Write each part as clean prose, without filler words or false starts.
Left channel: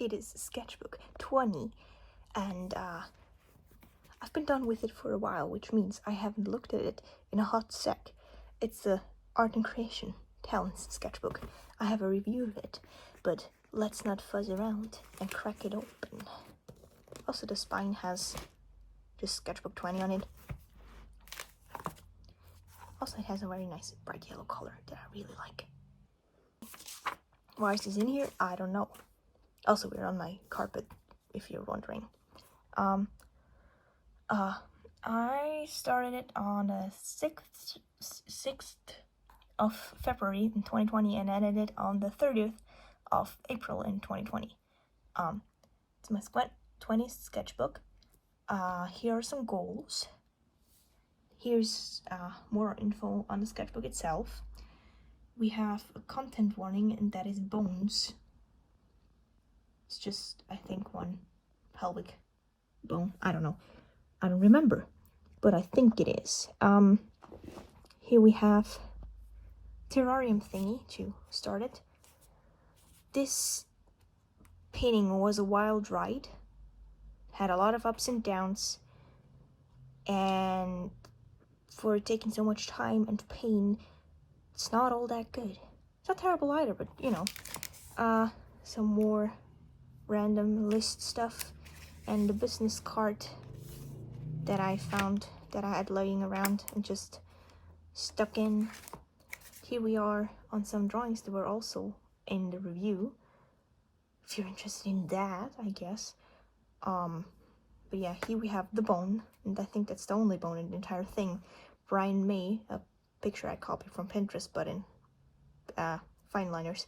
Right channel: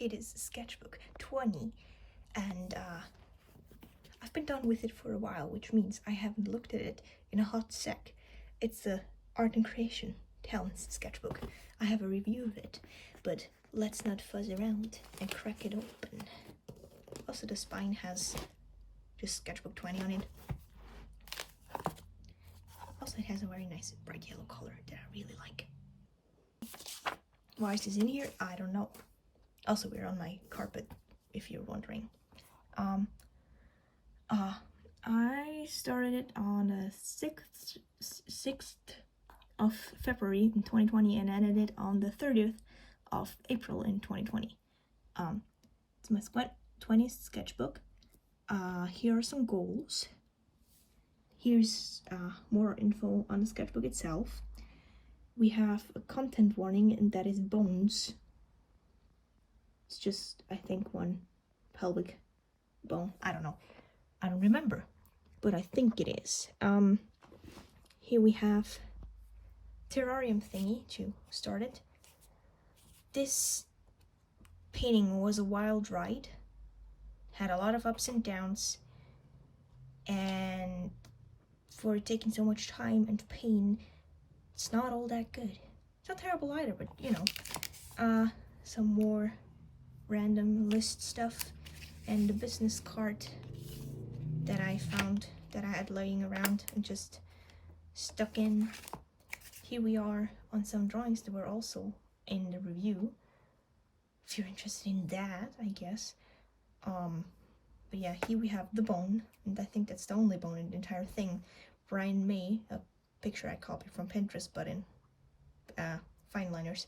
it is Sketchbook 20, and I've been done with it for a while, which means I haven't looked at it in a hot sec. It's the Art and Creation Talents Sketchbook. I have a review of it, but let's not fuzz around and crack it open. Also, the spine has just Sketchbook 20 on it. Also, it has a very nice bright yellow color that I really like. Why is this in here? I don't know. Also, we're on my carpet, if you're wondering. I started it on the 6th of February in 2020 and ended it on the 30th of April in 2020. It's my 20th sketchbook. Here are some goals. Here's more info on the sketchbook itself. We have a content warning, and that is bones. It's just, I think, one pelvic bone. I don't know. I don't remember, but I think it is. Here we have terrarium thingy to start it. This painting was a wild ride. Had a lot of ups and downs, and for taking so much time and pain, it's not all that good. It's not terrible either, but you know. Some more random list stuff, and the business card that I found that I had laying around and just stuck in. Here we are on some drawings that were also in the review, if you're interested in that, I guess. But yeah, here we have the bone, and I think that's the only bone in the entire thing. Brian May, a picture I copied from Pinterest, but in fine liners.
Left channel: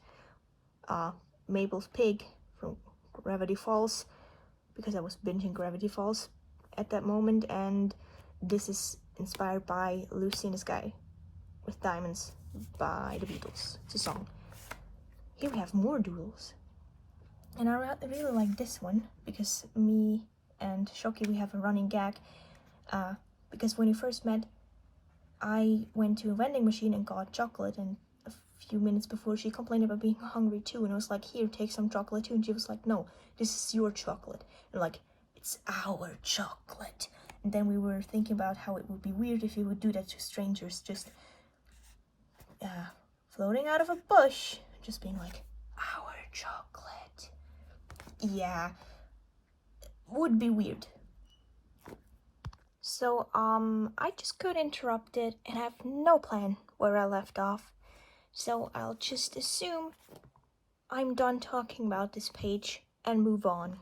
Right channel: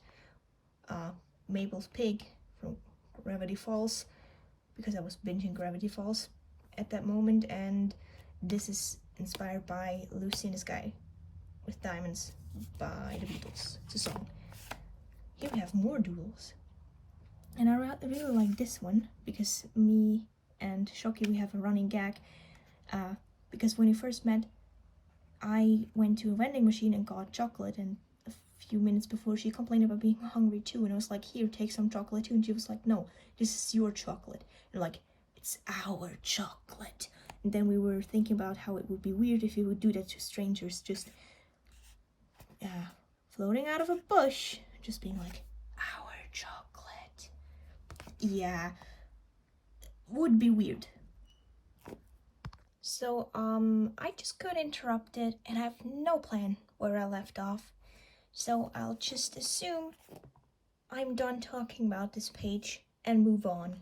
Mabel's pig from Gravity Falls, because I was binging Gravity Falls at that moment, and this is inspired by Lucy in the Sky with Diamonds by the Beatles. It's a song. Here we have more doodles, and I really like this one because me and Shoki, we have a running gag, because when we first met, I went to a vending machine and got chocolate, and a few minutes before she complained about being hungry too, and I was like, here, take some chocolate too, and she was like, no, this is your chocolate. And like, it's our chocolate. And then we were thinking about how it would be weird if you would do that to strangers, just floating out of a bush, just being like, our chocolate. Yeah, would be weird. So I just got interrupted and I have no plan where I left off, so I'll just assume I'm done talking about this page and move on.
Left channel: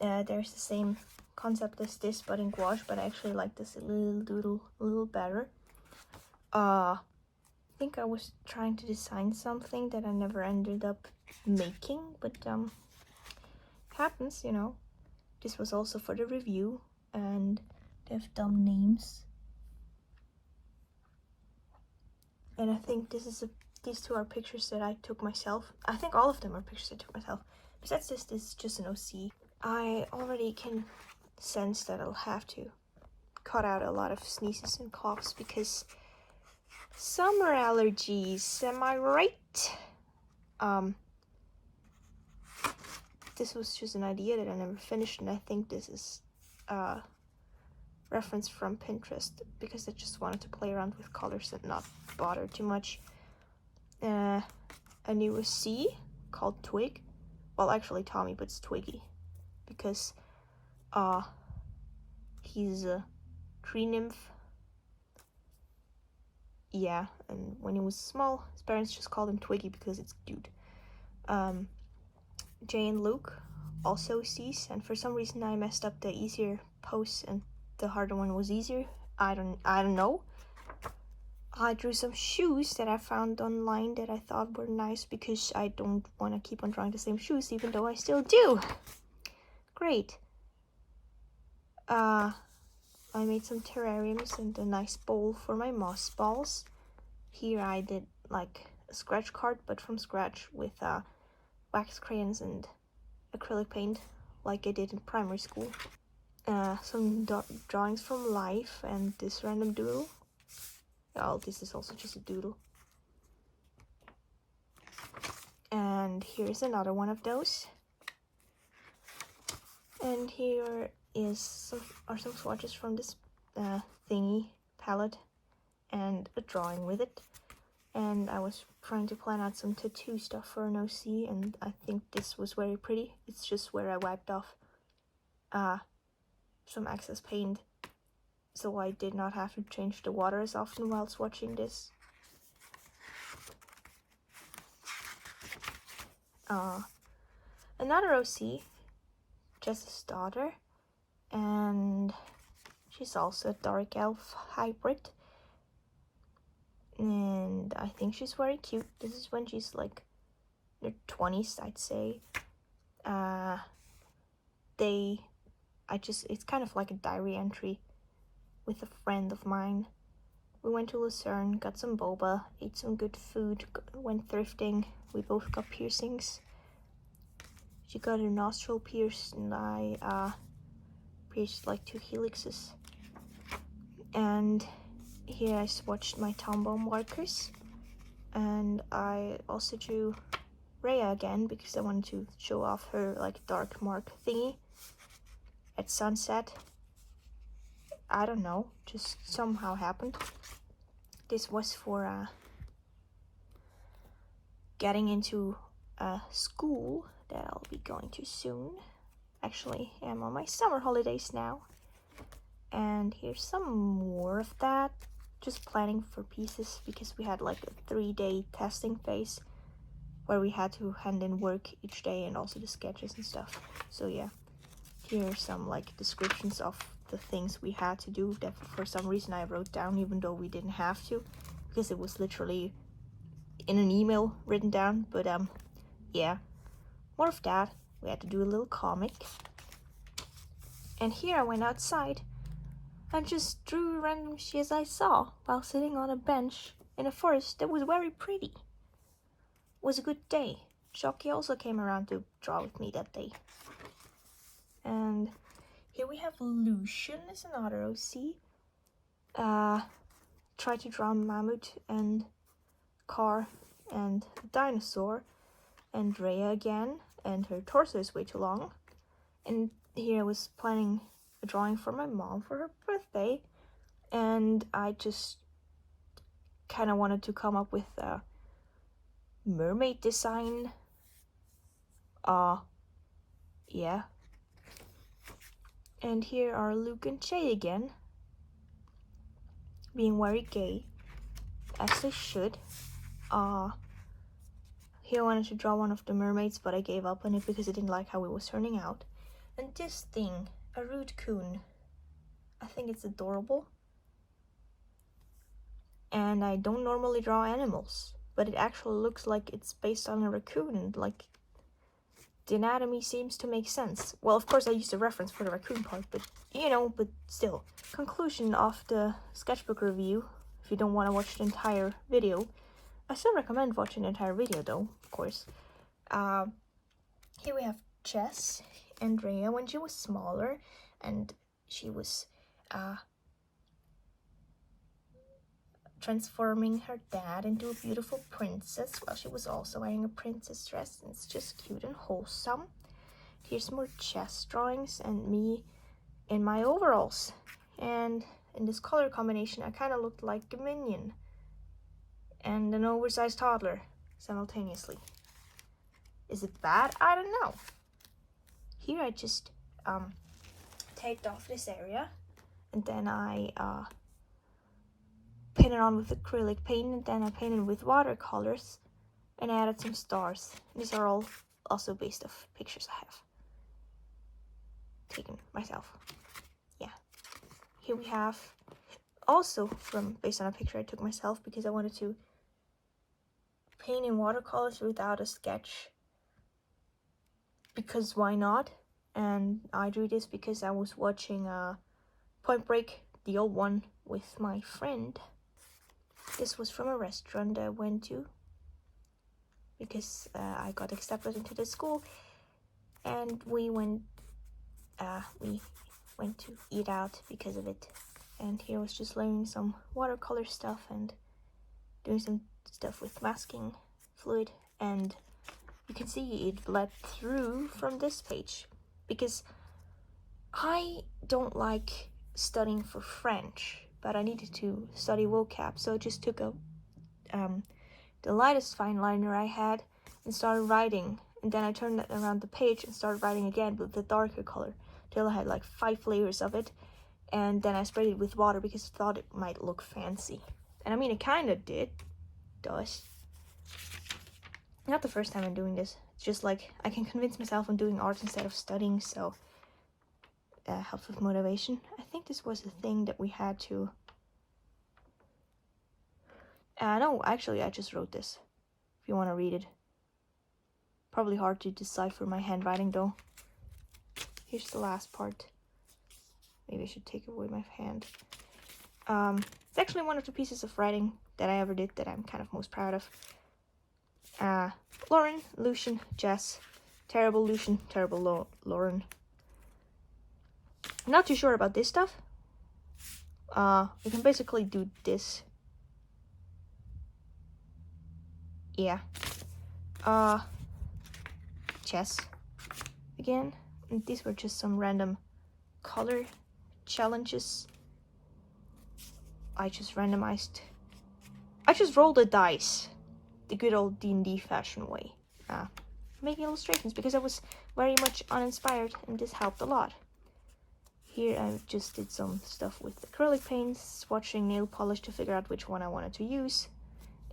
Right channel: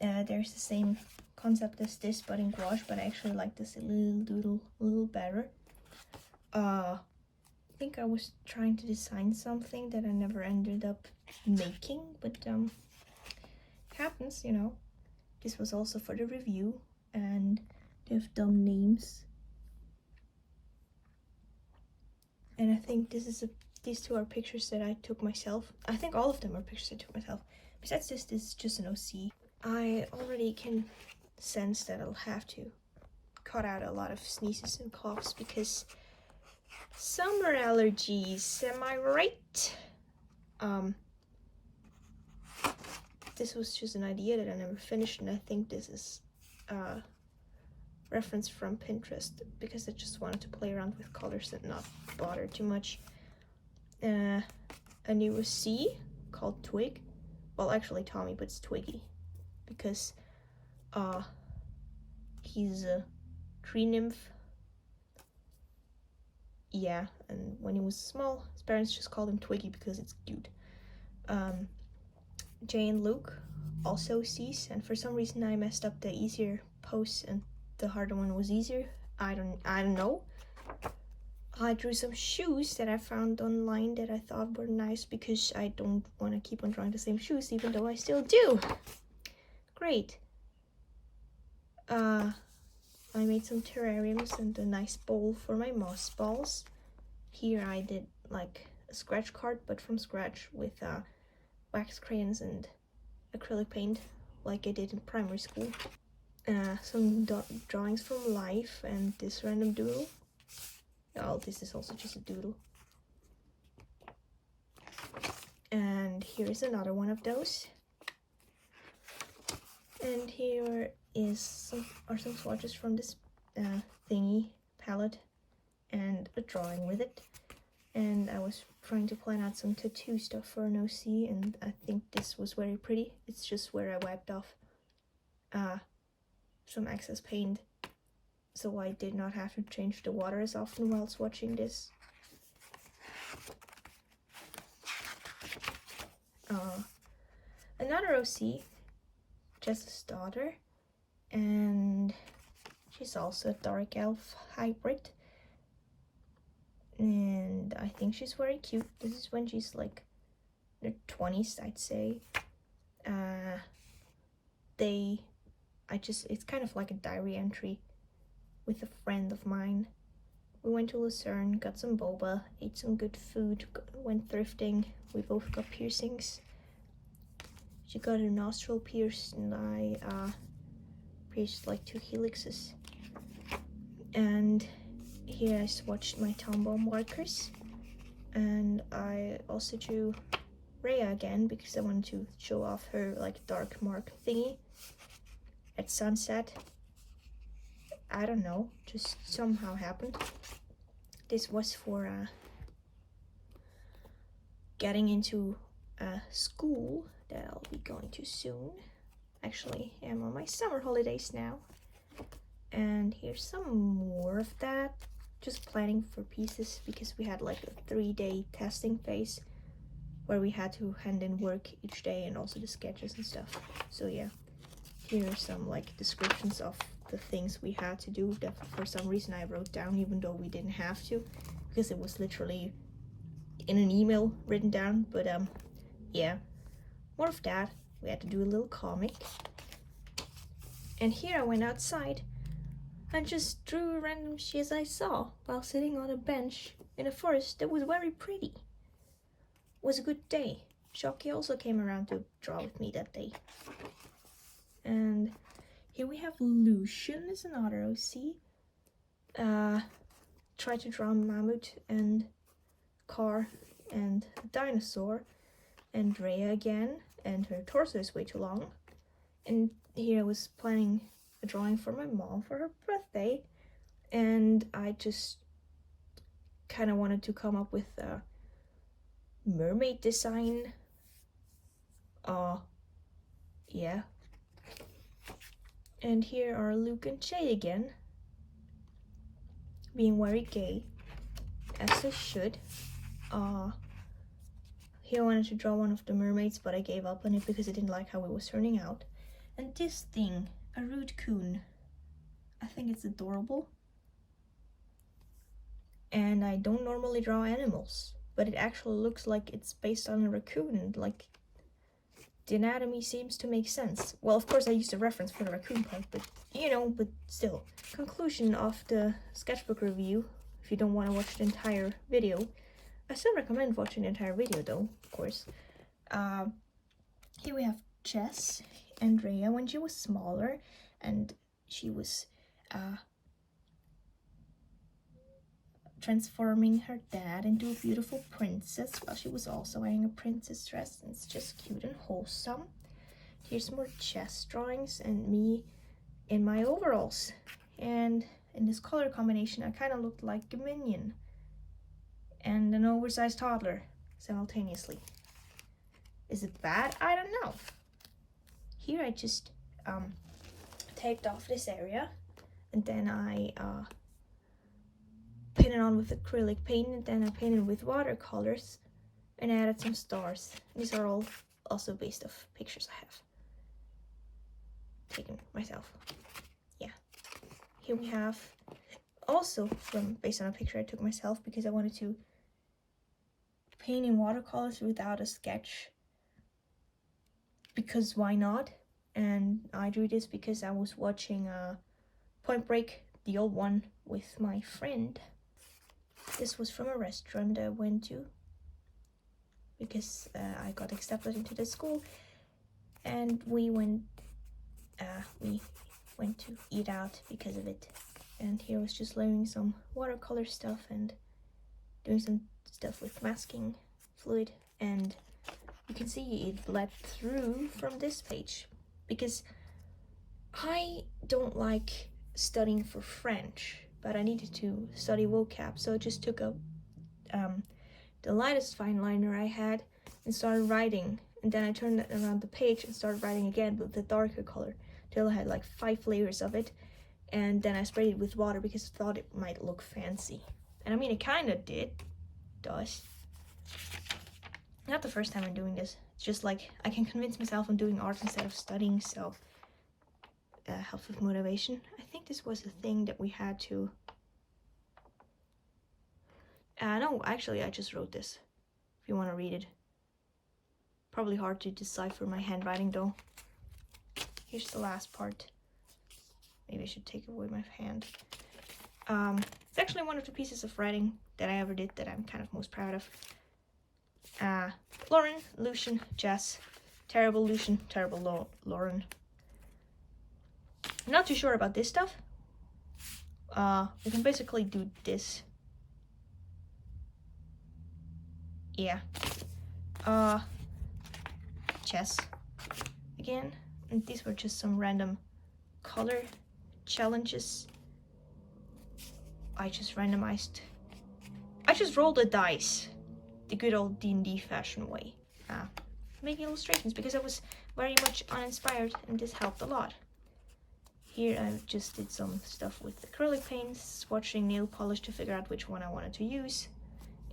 There's the same concept as this, but in gouache, but I actually like this little doodle a little better. I think I was trying to design something that I never ended up making, but happens, you know. This was also for the review, and they have dumb names. And I think these two are pictures that I took myself. I think all of them are pictures I took myself. Besides this is just an OC. I already can sense that I'll have to cut out a lot of sneezes and coughs because summer allergies, am I right? This was just an idea that I never finished, and I think this is reference from Pinterest because I just wanted to play around with colors and not bother too much. A new C called Twig. Well, actually Tommy, but it's Twiggy because he's a tree nymph. Yeah, and when he was small, his parents just called him Twiggy because it's cute. Jay and Luke, also C's, and for some reason I messed up the easier posts and the harder one was easier. I don't know. I drew some shoes that I found online that I thought were nice because I don't want to keep on drawing the same shoes, even though I still do. Great. I made some terrariums and a nice bowl for my moss balls. Here I did like a scratch card, but from scratch with wax crayons and acrylic paint, like I did in primary school. Some drawings from life and this random doodle. Oh, this is also just a doodle. And here's another one of those. And here are some swatches from this thingy palette and a drawing with it. And I was trying to plan out some tattoo stuff for an OC, and I think this was very pretty. It's just where I wiped off some excess paint, so I did not have to change the water as often while swatching this. Another OC, Jess's daughter, and she's also a dark elf hybrid. And I think she's very cute. This is when she's like in her 20s, I'd say. It's kind of like a diary entry with a friend of mine. We went to Lucerne, got some boba, ate some good food, went thrifting. We both got piercings. She got her nostril pierced, and I pierced like 2 helixes. And here I swatched my Tombow markers, and I also drew Rhea again because I wanted to show off her like dark mark thingy at sunset. I don't know, just somehow happened. This was for getting into a school that I'll be going to soon. Actually, I'm on my summer holidays now. And here's some more of that. Just planning for pieces because we had like a 3-day testing phase where we had to hand in work each day and also the sketches and stuff. So yeah, here are some like descriptions of the things we had to do that for some reason I wrote down even though we didn't have to, because it was literally in an email written down. But yeah, more of that. We had to do a little comic. And here I went outside and just drew random shit I saw while sitting on a bench in a forest that was very pretty. It was a good day. Shocky also came around to draw with me that day. And here we have Lucian is another OC. Tried to draw a mammoth and car and a dinosaur, and Rhea again, and her torso is way too long. And here I was planning a drawing for my mom for her birthday, and I just kind of wanted to come up with a mermaid design. Yeah. And here are Luke and Shay again, being very gay, as they should. Here I wanted to draw one of the mermaids, but I gave up on it because I didn't like how it was turning out. And this thing, a root coon. I think it's adorable. And I don't normally draw animals, but it actually looks like it's based on a raccoon, and like the anatomy seems to make sense. Well, of course I used a reference for the raccoon part, but you know, but still. Conclusion of the sketchbook review, if you don't want to watch the entire video. I still recommend watching the entire video though, of course. Here we have Jess and Rhea when she was smaller, and she was transforming her dad into a beautiful princess while she was also wearing a princess dress, and it's just cute and wholesome. Here's more Jess drawings and me in my overalls, and in this color combination I kind of looked like a minion and an oversized toddler simultaneously. Is it bad? I don't know. Here I just taped off this area, and then I painted on with acrylic paint, and then I painted with watercolors and added some stars. These are all also based off pictures I have taken myself. Yeah. Here we have also based on a picture I took myself because I wanted to paint in watercolors without a sketch, because why not? And I drew this because I was watching Point Break, the old one, with my friend. This was from a restaurant I went to because I got accepted into the school, and we went to eat out because of it. And here I was just learning some watercolor stuff and doing some stuff with masking fluid and see, it led through from this page. Because I don't like studying for French, but I needed to study vocab, so I just took a the lightest fine liner I had and started writing, and then I turned it around the page and started writing again with the darker color till I had like 5 layers of it, and then I sprayed it with water because I thought it might look fancy. And I mean, it kind of does. Not the first time I'm doing this. It's just like I can convince myself I'm doing art instead of studying, so helps with motivation. I think this was a thing that we had to... no, actually I just wrote this, if you want to read it. Probably hard to decipher my handwriting though. Here's the last part. Maybe I should take away my hand. It's actually one of the pieces of writing that I ever did that I'm kind of most proud of. Lauren, Lucian, Jess. Terrible Lucian, terrible Lauren. I'm not too sure about this stuff. You can basically do this. Yeah. Chess. Again. And these were just some random color challenges. I just rolled a dice. The good old D&D fashion way. Making illustrations because I was very much uninspired and this helped a lot. Here I just did some stuff with acrylic paints, swatching nail polish to figure out which one I wanted to use,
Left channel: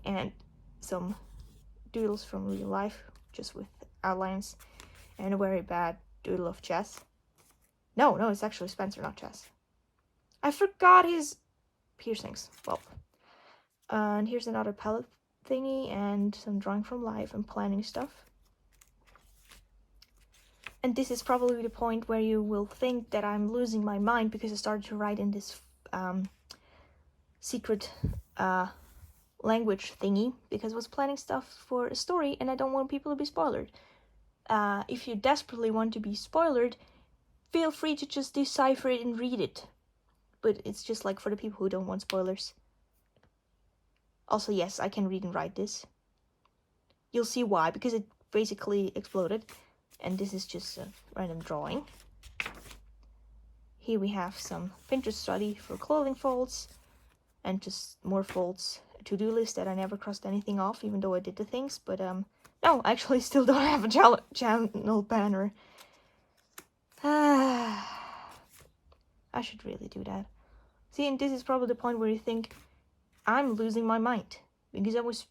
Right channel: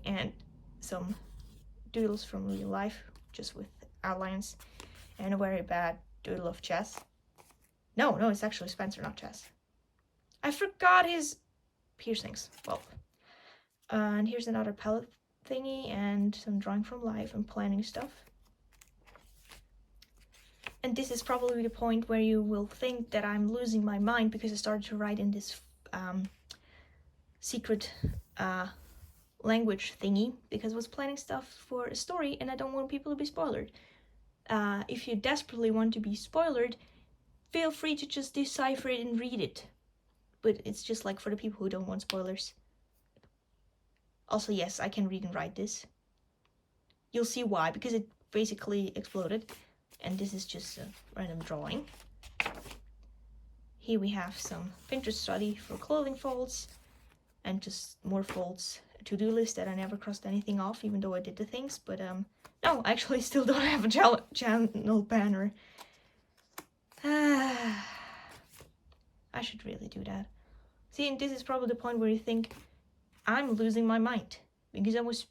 and some doodles from real life, just with outlines, and a very bad doodle of Chess. No, it's actually Spencer, not Chess. I forgot his piercings. Well, and here's another palette thingy and some drawing from life and planning stuff. And this is probably the point where you will think that I'm losing my mind because I started to write in this secret language thingy because I was planning stuff for a story and I don't want people to be spoiled. If you desperately want to be spoiled, feel free to just decipher it and read it. But it's just like for the people who don't want spoilers. Also, yes, I can read and write this. You'll see why, because it basically exploded. And this is just a random drawing. Here we have some Pinterest study for clothing folds. And just more folds. A to-do list that I never crossed anything off, even though I did the things. But, no, I actually still don't have a channel banner. I should really do that. See, and this is probably the point where you think I'm losing my mind. Because I was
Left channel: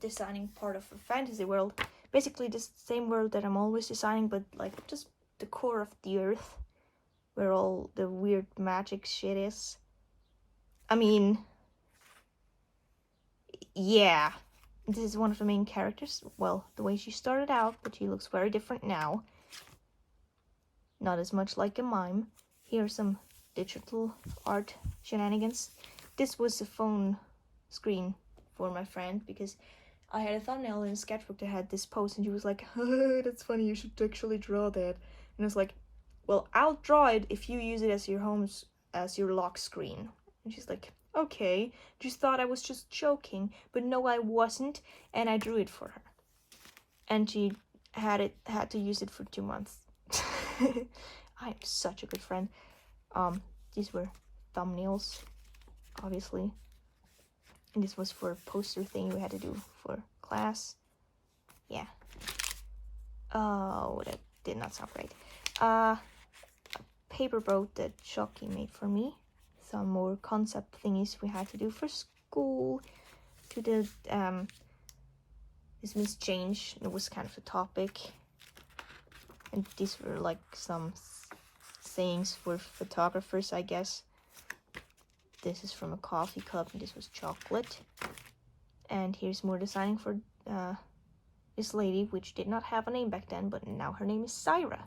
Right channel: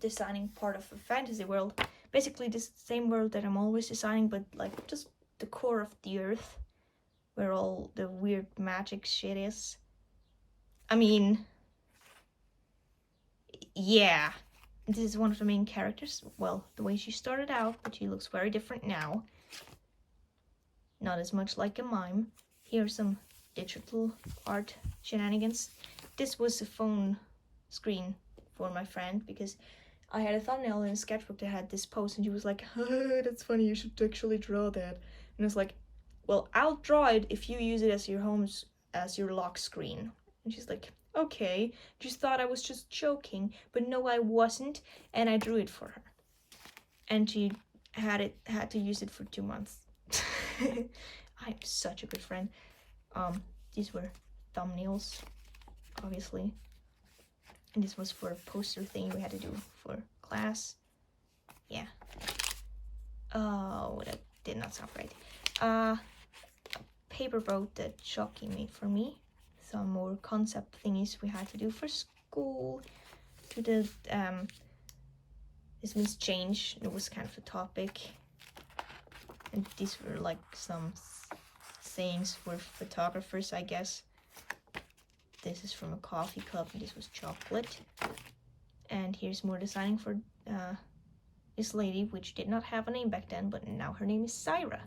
designing part of a fantasy world. Basically the same world that I'm always designing, but like just the core of the earth. Where all the weird magic shit is. I mean... yeah. This is one of the main characters. Well, the way she started out, but she looks very different now. Not as much like a mime. Here's some digital art shenanigans. This was a phone screen for my friend because I had a thumbnail in a sketchbook that had this post and she was like, that's funny, you should actually draw that. And I was like, well, I'll draw it if you use it as your lock screen. And she's like, okay. Just thought I was just joking, but no, I wasn't, and I drew it for her. And she had to use it for 2 months. I am such a good friend. These were thumbnails, obviously. And this was for a poster thing we had to do for class. Yeah. Oh, that did not sound right. A paper boat that Shocky made for me. Some more concept thingies we had to do for school. We did this means change. It was kind of the topic. And these were like some sayings for photographers, I guess. This is from a coffee cup, and this was chocolate. And here's more designing for this lady, which did not have a name back then, but now her name is Syra.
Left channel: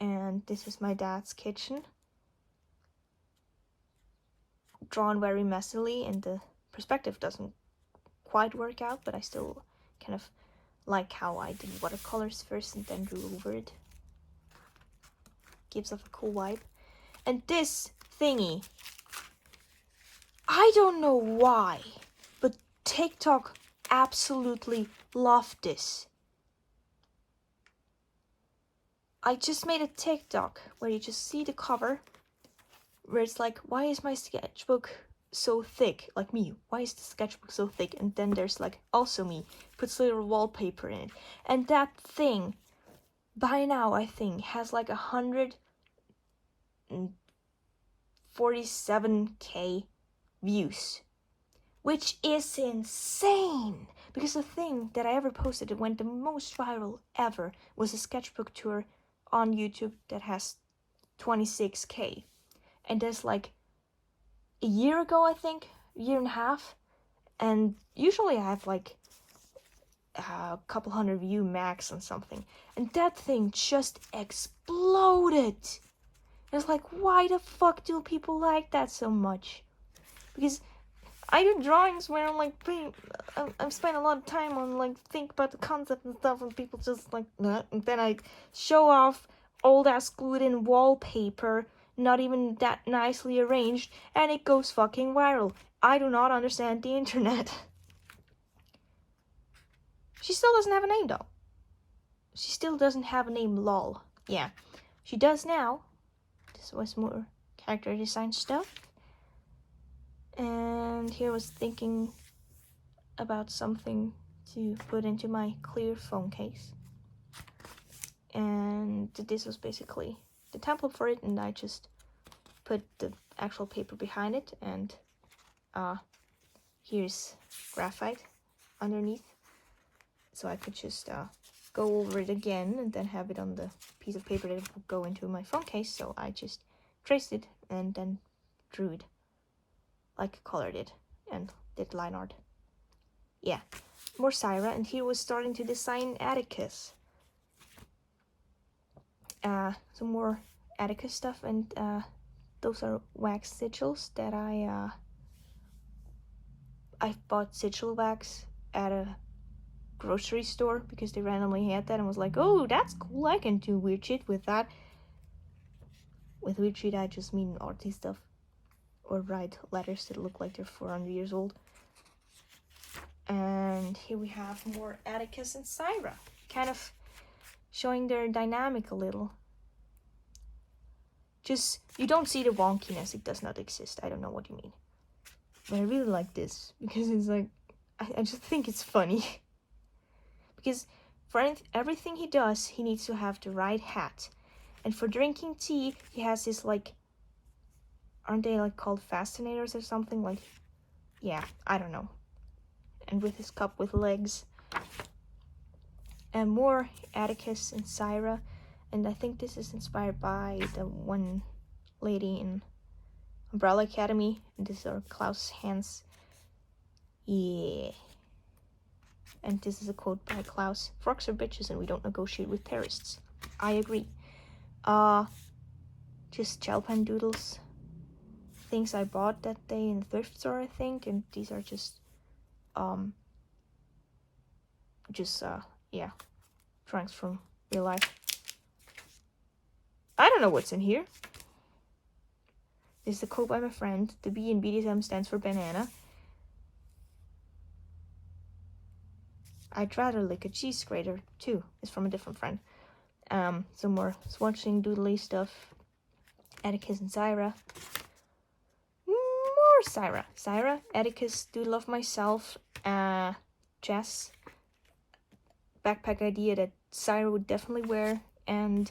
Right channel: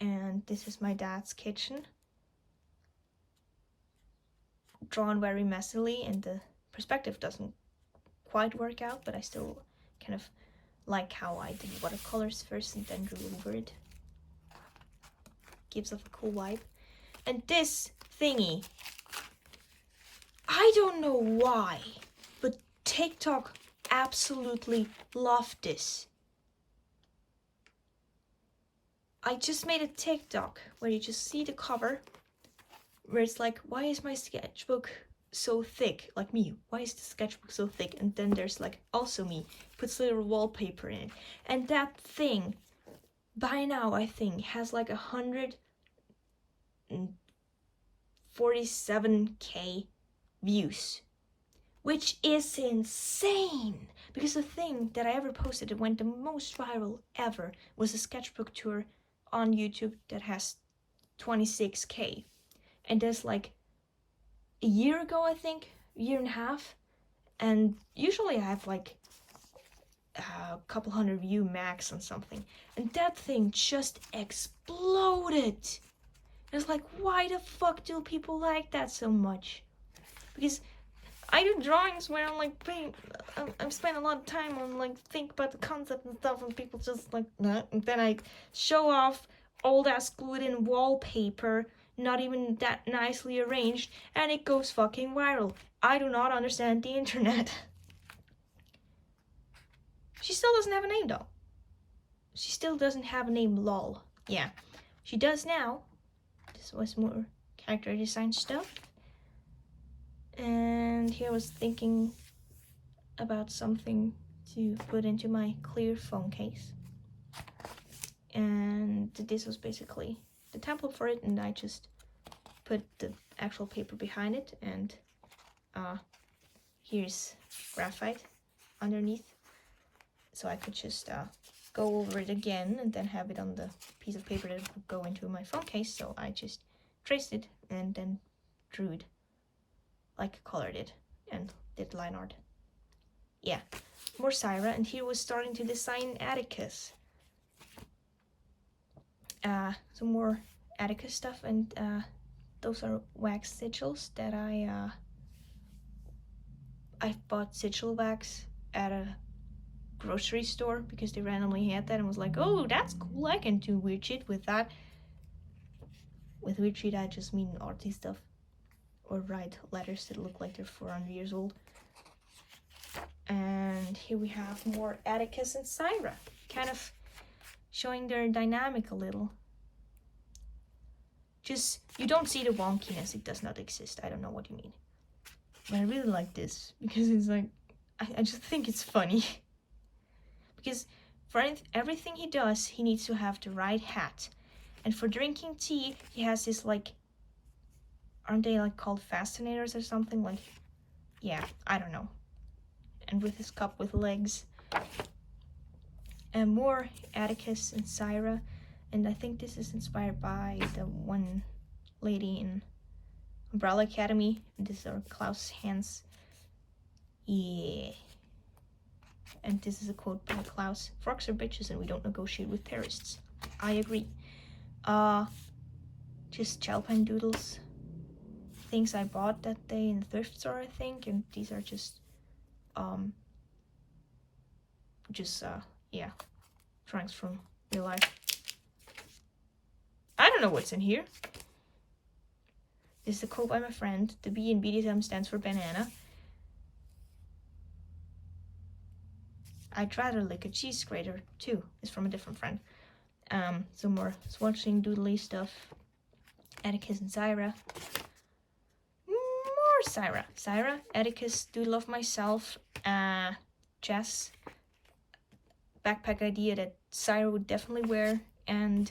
And this is my dad's kitchen. Drawn very messily, and the perspective doesn't quite work out, but I still kind of like how I did watercolors first and then drew over it. Gives off a cool vibe. And this thingy, I don't know why, but TikTok absolutely love this. I just made a TikTok where you just see the cover, where it's like, why is my sketchbook so thick? Like me, why is the sketchbook so thick? And then there's like, also me, puts little wallpaper in it. And that thing, by now, I think, has like 147k views, which is insane. Because the thing that I ever posted that went the most viral ever was a sketchbook tour on YouTube that has 26k. And there's like a year ago, I think, a year and a half, and usually I have like a couple hundred view max on something, and that thing just exploded. And it's like, why the fuck do people like that so much? Because I do drawings where I'm like I'm spending a lot of time on like think about the concept and stuff, and people just like nah. And then I show off old ass glued in wallpaper, not even that nicely arranged, and it goes fucking viral. I do not understand the internet. She still doesn't have a name though. She still doesn't have a name, lol. Yeah, she does now. This was more character design stuff. And here I was thinking about something to put into my clear phone case. And this was basically the template for it, and I just put the actual paper behind it, and here's graphite underneath, so I could just go over it again and then have it on the piece of paper that would go into my phone case. So I just traced it and then drew it, like colored it, and did line art. Yeah, more Syra, and here was starting to design Atticus. Some more Atticus stuff, and those are wax sigils that I bought sigil wax at a grocery store because they randomly had that and was like, oh, that's cool, I can do weird shit with that. With weird shit, I just mean artsy stuff, or write letters that look like they're 400 years old. And here we have more Atticus and Syra, kind of showing their dynamic a little. Just, you don't see the wonkiness, it does not exist. I don't know what you mean. But I really like this, because it's like, I just think it's funny. Because for everything he does, he needs to have the right hat. And for drinking tea, he has this like, aren't they like called fascinators or something? Like, yeah, I don't know. And with his cup with legs. And more Atticus and Syra. And I think this is inspired by the one lady in Umbrella Academy. And these are Klaus' hands. Yeah. And this is a quote by Klaus. Forks are bitches and we don't negotiate with terrorists. I agree. Just gel pen doodles. Things I bought that day in the thrift store, I think. And these are just, yeah, drawings from real life. I don't know what's in here. This is a quote by my friend. The B in BDSM stands for banana. I'd rather lick a cheese grater too. It's from a different friend. Some more swatching doodly stuff. Atticus and Syra. More Syra. Syra, Atticus, doodle of myself. Jess. Backpack idea that Syra would definitely wear. And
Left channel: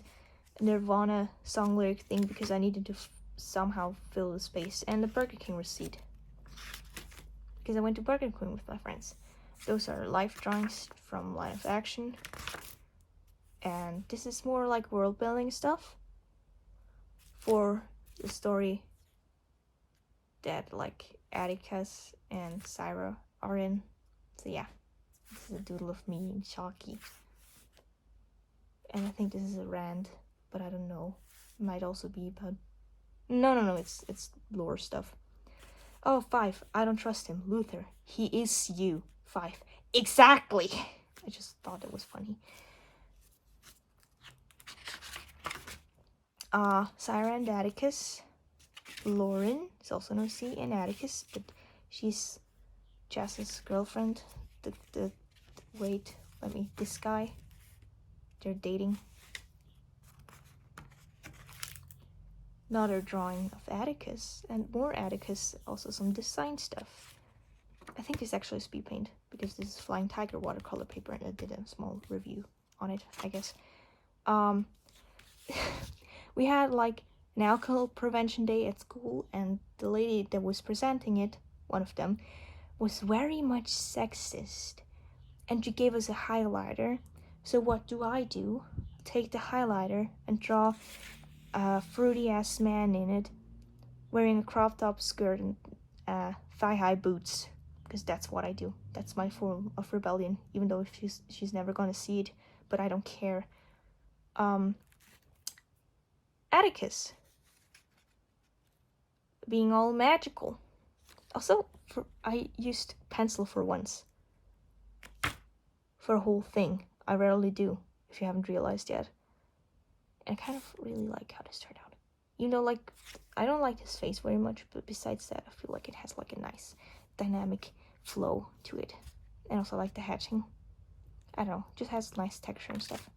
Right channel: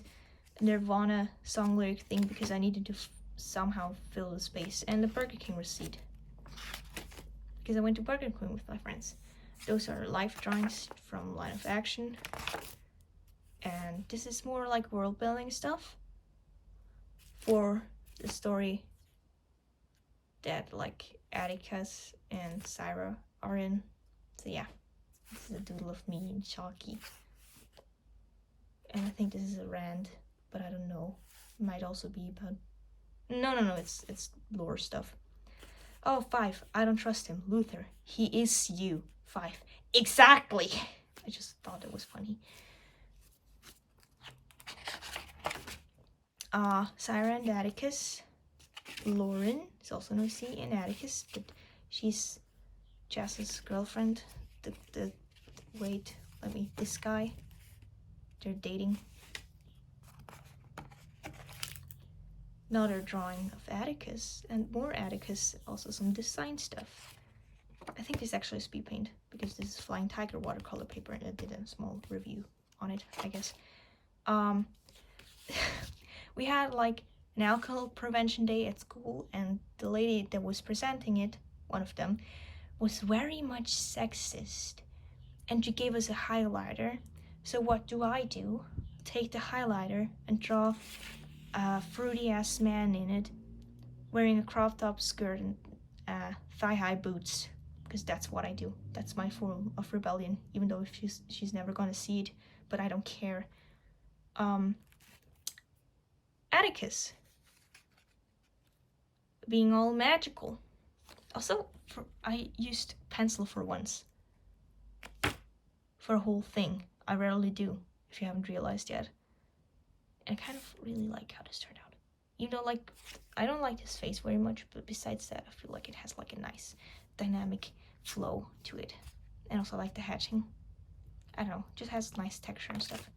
Nirvana song lyric thing because I needed to somehow fill the space. And the Burger King receipt. Because I went to Burger King with my friends. Those are life drawings from Line of Action. And this is more like world building stuff for the story that like Atticus and Syra are in. So yeah, this is a doodle of me and Chalky. And I think this is a rand, but I don't know. It might also be about... No, it's lore stuff. Oh, 5. I don't trust him. Luther. He is you. 5. Exactly! I just thought it was funny. Syra and Atticus. Lauren is also no C in Atticus, but she's Jess's girlfriend. wait, this guy, they're dating. Another drawing of Atticus, and more Atticus, also some design stuff. I think this actually is speed paint, because this is Flying Tiger watercolor paper, and I did a small review on it, I guess. We had like an alcohol prevention day at school, and the lady that was presenting it, one of them, was very much sexist, and she gave us a highlighter. So what do? Take the highlighter and draw a fruity ass man in it, wearing a crop top skirt and thigh-high boots, because that's what I do. That's my form of rebellion, even though she's never gonna see it, but I don't care. Atticus being all magical. Also, I used pencil for once. For a whole thing. I rarely do, if you haven't realized yet. And I kind of really like how this turned out. You know, like, I don't like his face very much, but besides that, I feel like it has like a nice dynamic flow to it. And also like the hatching. I don't know, just has nice texture and stuff.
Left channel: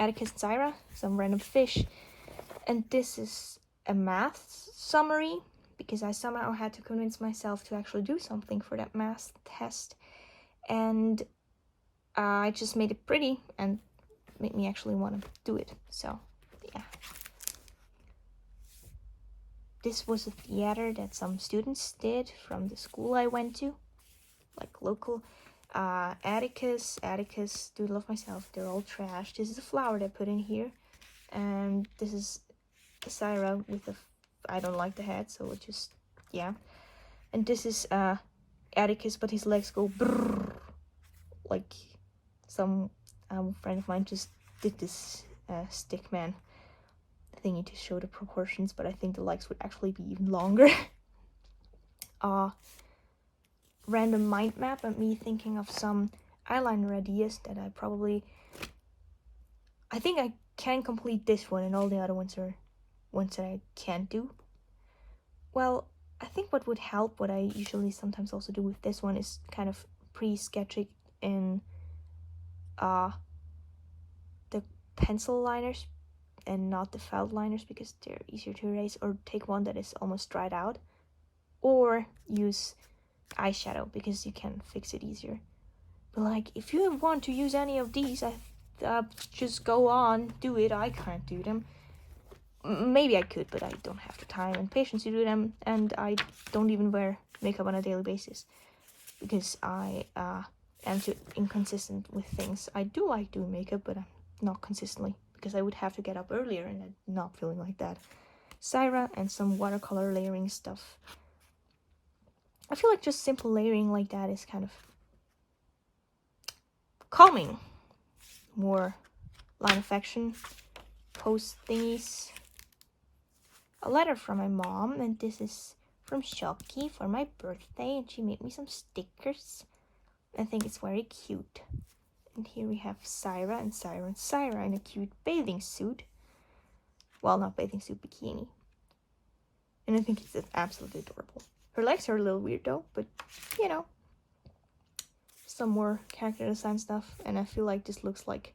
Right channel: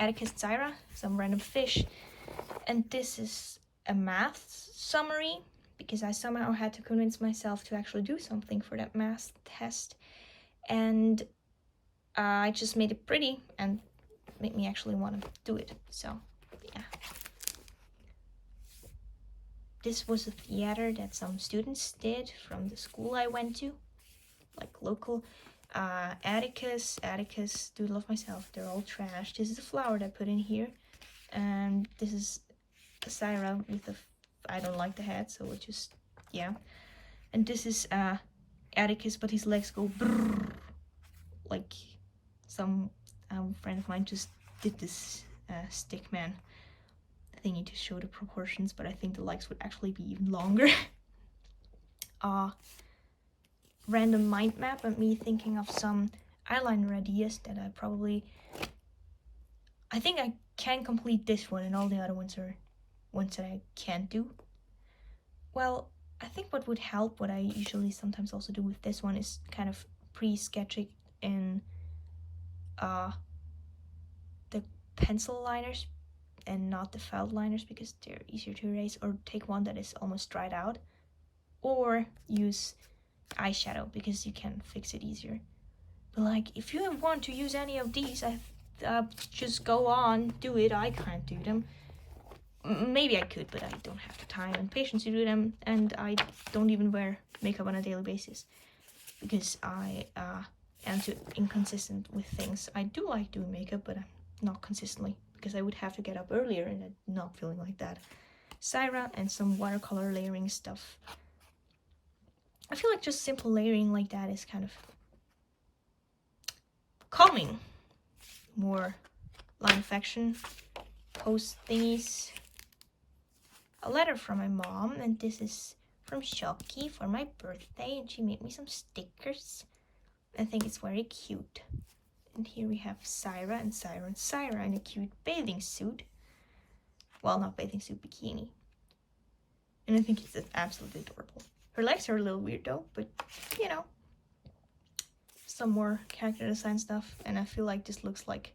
Atticus and Zyra, some random fish. And this is a math summary, because I somehow had to convince myself to actually do something for that math test. And I just made it pretty and made me actually want to do it. So, yeah. This was a theater that some students did from the school I went to, like local. Atticus, do love myself, they're all trash. This is a flower that I put in here, and this is Syra with the, I don't like the head, so it just, yeah. And this is Atticus, but his legs go brrr, like some friend of mine just did this stick man thingy to show the proportions, but I think the legs would actually be even longer. Random mind map of me thinking of some eyeliner ideas that I think I can complete this one, and all the other ones are ones that I can't do. Well, I think what would help, what I usually sometimes also do with this one, is kind of pre-sketching in the pencil liners and not the felt liners, because they're easier to erase, or take one that is almost dried out, or use eyeshadow because you can fix it easier. But like, if you want to use any of these, just go on, do it. I can't do them. Maybe I could, but I don't have the time and patience to do them, and I don't even wear makeup on a daily basis because I am too inconsistent with things. I do like doing makeup, but I'm not consistently, because I would have to get up earlier, and I'm not feeling like that. Syra and some watercolor layering stuff. I feel like just simple layering like that is kind of calming. More line affection, post thingies. A letter from my mom, and this is from Shocky for my birthday, and she made me some stickers. I think it's very cute. And here we have Syra and Syra in a cute bathing suit. Well, not bathing suit, bikini. And I think it's absolutely adorable. Her legs are a little weird though, but you know, some more character design stuff. And I feel like this looks like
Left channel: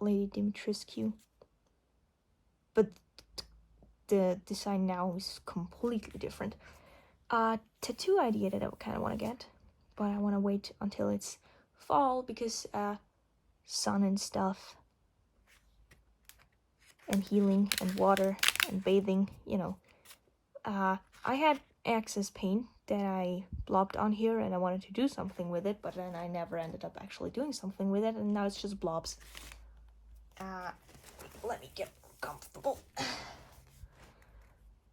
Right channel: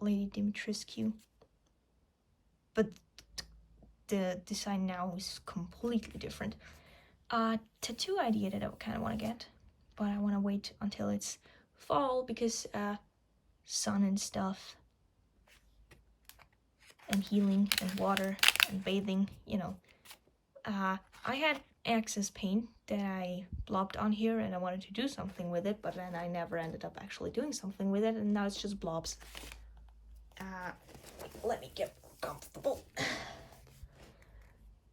Lady Dimitrescu, but the design now is completely different. Tattoo idea that I kind of want to get, but I want to wait until it's fall, because sun and stuff, and healing and water and bathing, you know. I had excess paint that I blobbed on here, and I wanted to do something with it, but then I never ended up actually doing something with it, and now it's just blobs. Let me get comfortable.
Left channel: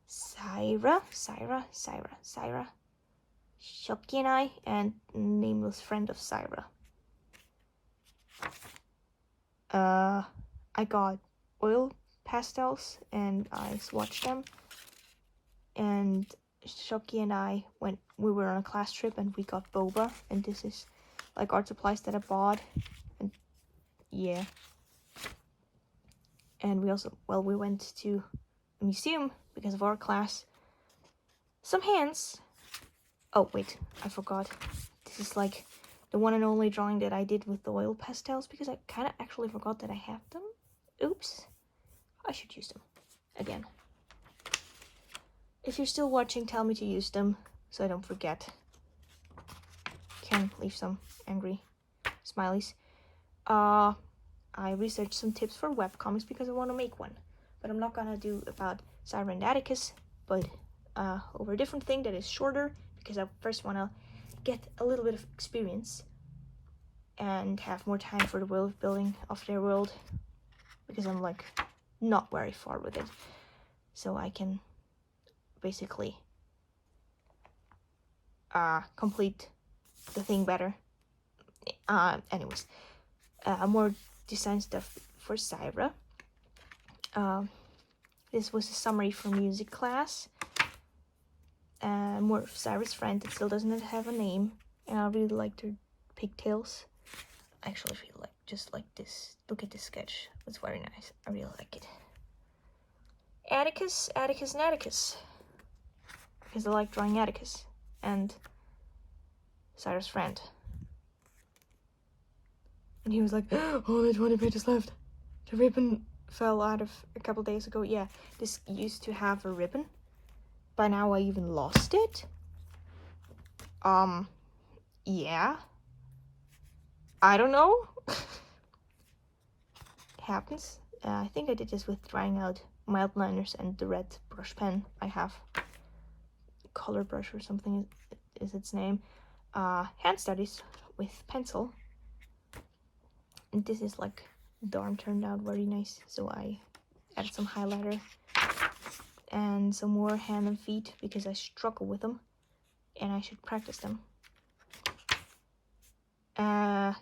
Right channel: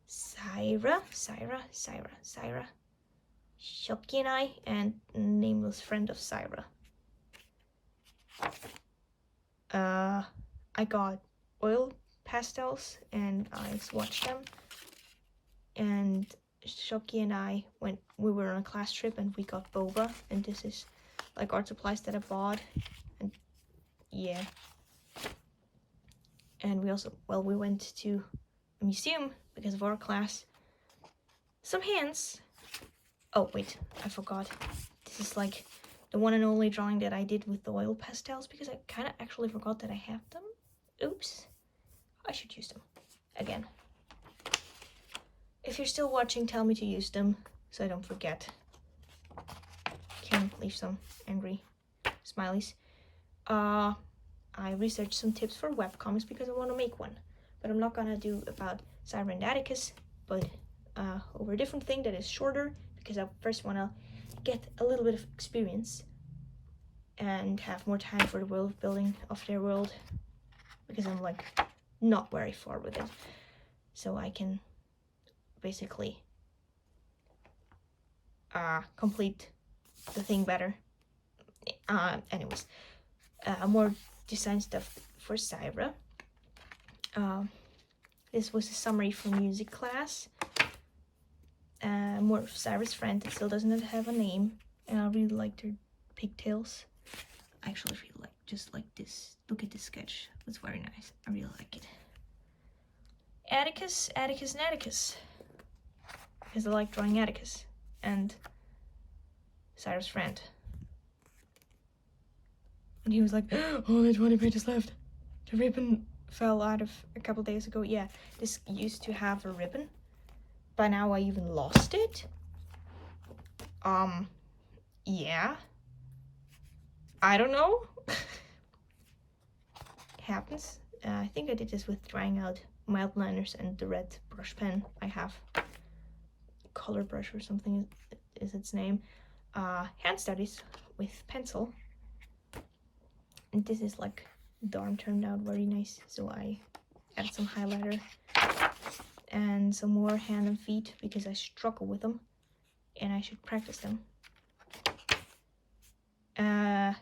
Syra, Shocky and I, and nameless friend of Syra. I got oil pastels and I swatched them, and Shocky and I we were on a class trip and we got boba, and this is like art supplies that I bought, and yeah. And we went to a museum because of our class. Some hands Oh, wait, I forgot. This is like the one and only drawing that I did with the oil pastels, because I kind of actually forgot that I have them. Oops. I should use them again. If you're still watching, tell me to use them so I don't forget. Can leave some angry smileys. I researched some tips for webcomics because I want to make one. But I'm not gonna do about Syra and Atticus, but over a different thing that is shorter, because I first want to get a little bit of experience and have more time for the world building of their world, because I'm like not very far with it. So I can basically complete the thing better. Anyways, more design stuff for Syra. This was a summary for music class. More of Syra's friend that still doesn't have a name. And I really liked her pigtails. I actually feel like just like this. Look at this sketch. It's very nice. I really like it. Atticus, Atticus, and Atticus. Because I like drawing Atticus and Syra's friend. And he was like, only 20 pages left. The ribbon fell out of a couple days ago. Yeah, this used to have a ribbon. By now I even lost it. Yeah. I don't know. It happens. I think I did this with drying out my outliners and the red brush pen I have. Color brush or something is its name. Hand studies with pencil. And this is like darn turned out very nice. So I added some highlighter and some more hand and feet because I struggle with them and I should practice them.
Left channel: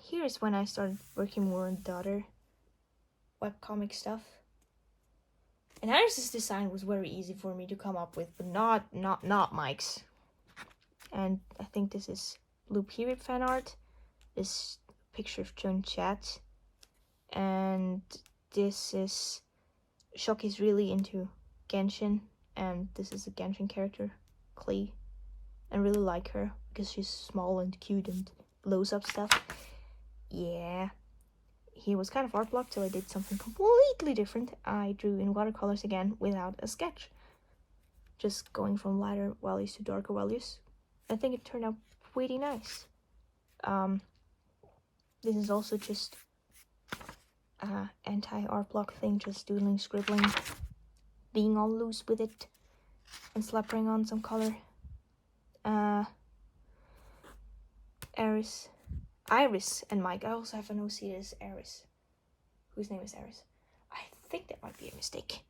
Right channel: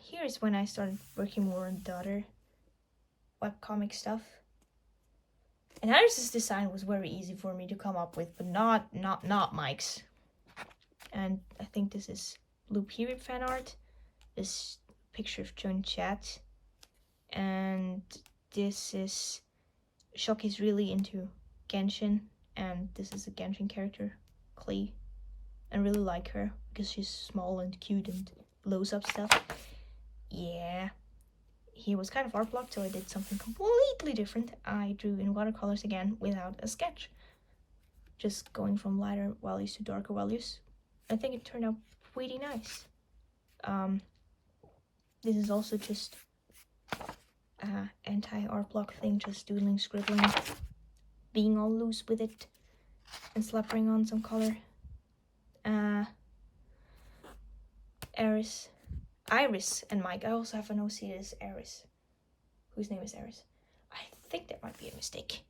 Here's when I started working more on the other webcomic stuff. And Iris's design was very easy for me to come up with, but not Mike's. And I think this is Blue Period fan art. This picture of Joan Chat. And this is Shoki's really into Genshin, and this is a Genshin character, Klee. I really like her because she's small and cute and blows up stuff. Yeah. He was kind of art blocked, so I did something completely different. I drew in watercolors again without a sketch. Just going from lighter values to darker values. I think it turned out pretty nice. This is also just anti-art block thing, just doodling, scribbling, being all loose with it, and slapping on some color. Iris and Mike. I also have an OC as Iris, whose name is Iris. I think that might be a mistake.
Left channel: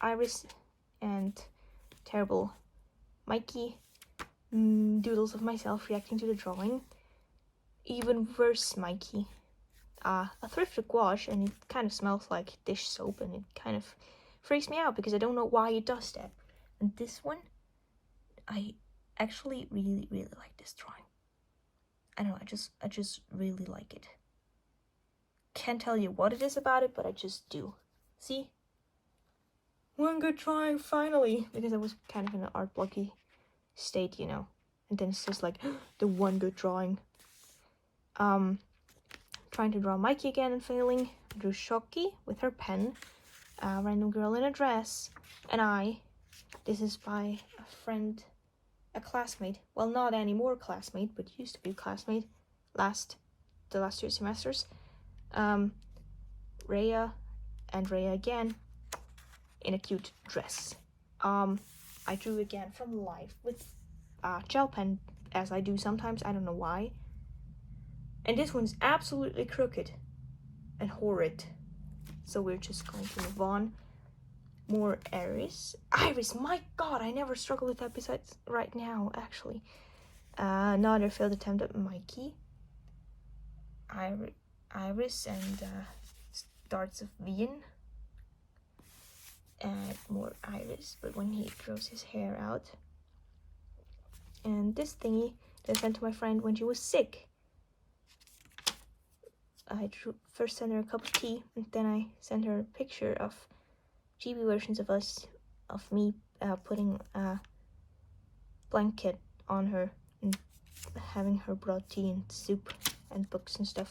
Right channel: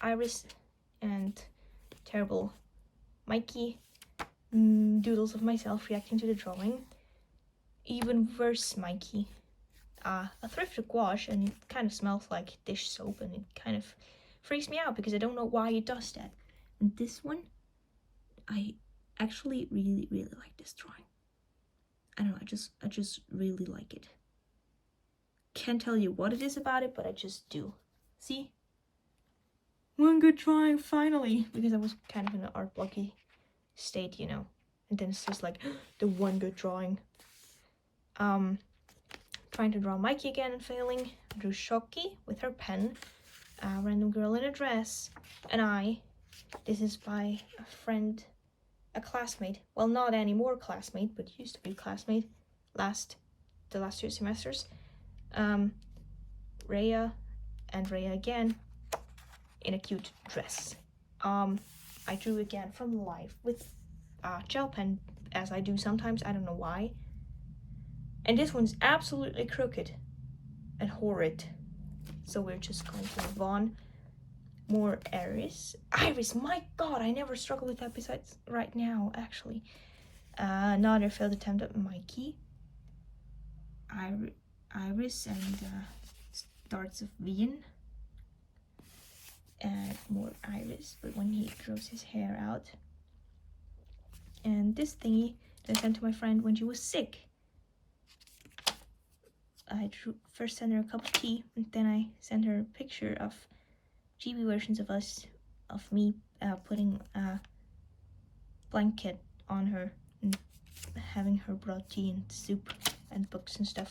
Iris and terrible Mikey. Doodles of myself reacting to the drawing. Even worse, Mikey. A thrifted gouache, and it kind of smells like dish soap, and it kind of freaks me out because I don't know why it does that. And this one, I actually really like this drawing. I don't know, I just really like it. Can't tell you what it is about it, but I just do. See? One good drawing, finally! Because I was kind of in an art blocky state, you know. And then it's just like, the one good drawing. Trying to draw Mikey again and failing. I drew Shoki with her pen. A random girl in a dress. And I. This is by a friend, a classmate. Well, not anymore classmate, but used to be classmate. The last 2 semesters. Rhea and Rhea again in a cute dress. I drew again from life with gel pen, as I do sometimes. I don't know why. And this one's absolutely crooked and horrid. So we're just going to move on. More Iris. Iris, my god, I never struggle with that besides right now, actually. Another failed attempt at Mikey. Iris and starts of Vian. And more Iris, but when he grows his hair out. And this thingy that I sent to my friend when she was sick. I first sent her a cup of tea, and then I sent her a picture of chibi versions of me putting blanket on her and having her brought tea and soup and books and stuff.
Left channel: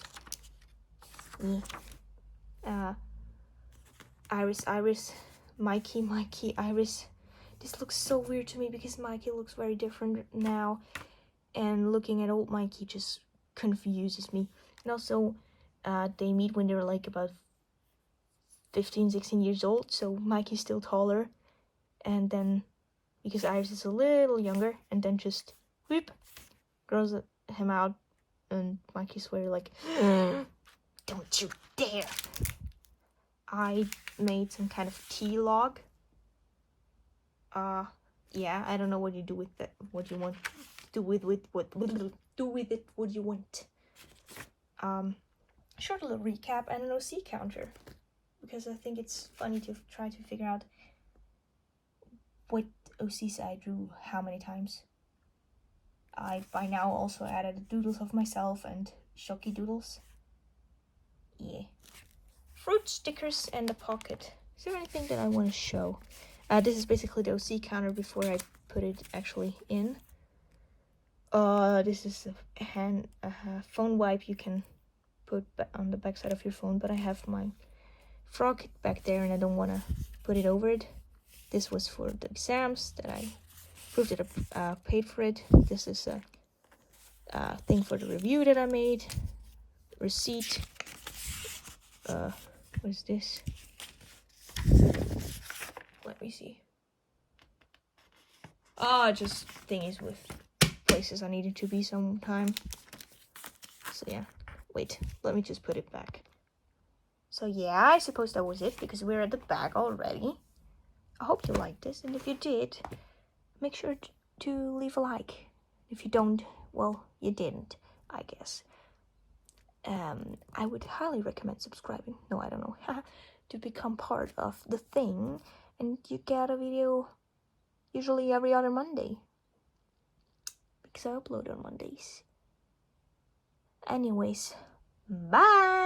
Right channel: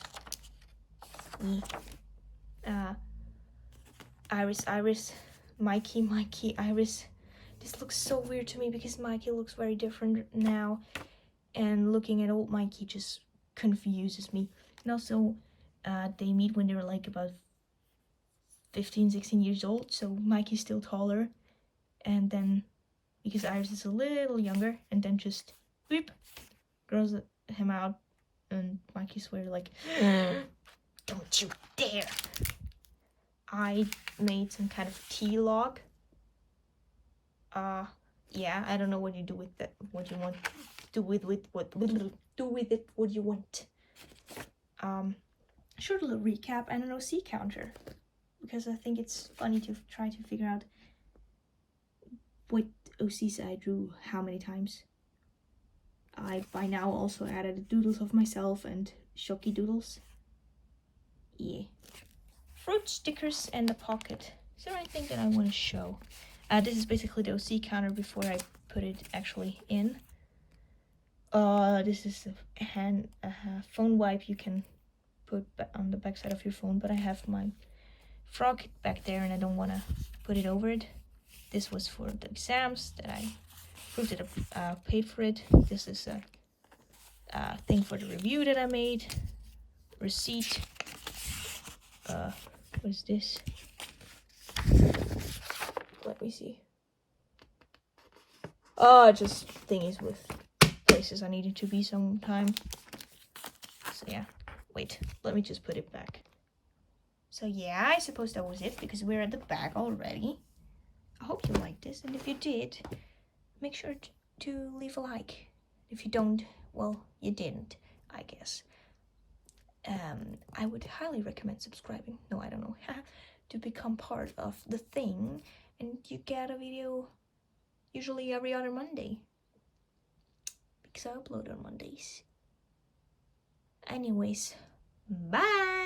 Yeah. Iris, Mikey, Iris. This looks so weird to me because Mikey looks very different now, and looking at old Mikey just confuses me. And also, they meet when they're like about 15, 16 years old, so Mikey's still taller, and then because Iris is a little younger, and then just whoop, grows him out, and Mikey's swear like, don't you dare. I made some kind of tea log. Yeah, I don't know what you do with that, what you want. Do with it what you want. Short little recap and an OC counter, because I think it's funny to try to figure out what OCs I drew how many times. I by now also added doodles of myself and shocky doodles. Yeah. Fruit stickers and a pocket. Is there anything that I want to show? This is basically the OC counter before I put it actually in. This is a phone wipe you can put on the back side of your phone, but I have my frog back there and I don't want to put it over it. This was for the exams that I proved that I paid for it. This is a thing for the review that I made. Receipt. What is this? Let me see. Oh, just thingies with places I needed to be sometime. So yeah, wait, let me just put it back. So yeah, I suppose that was it because we're at the back already. I hope you liked this, and if you did, make sure to leave a like. If you don't, well, you didn't, I guess. I would highly recommend subscribing. No, I don't know. To become part of the thing, and you get a video usually every other Monday because I upload on Mondays. Anyways, bye.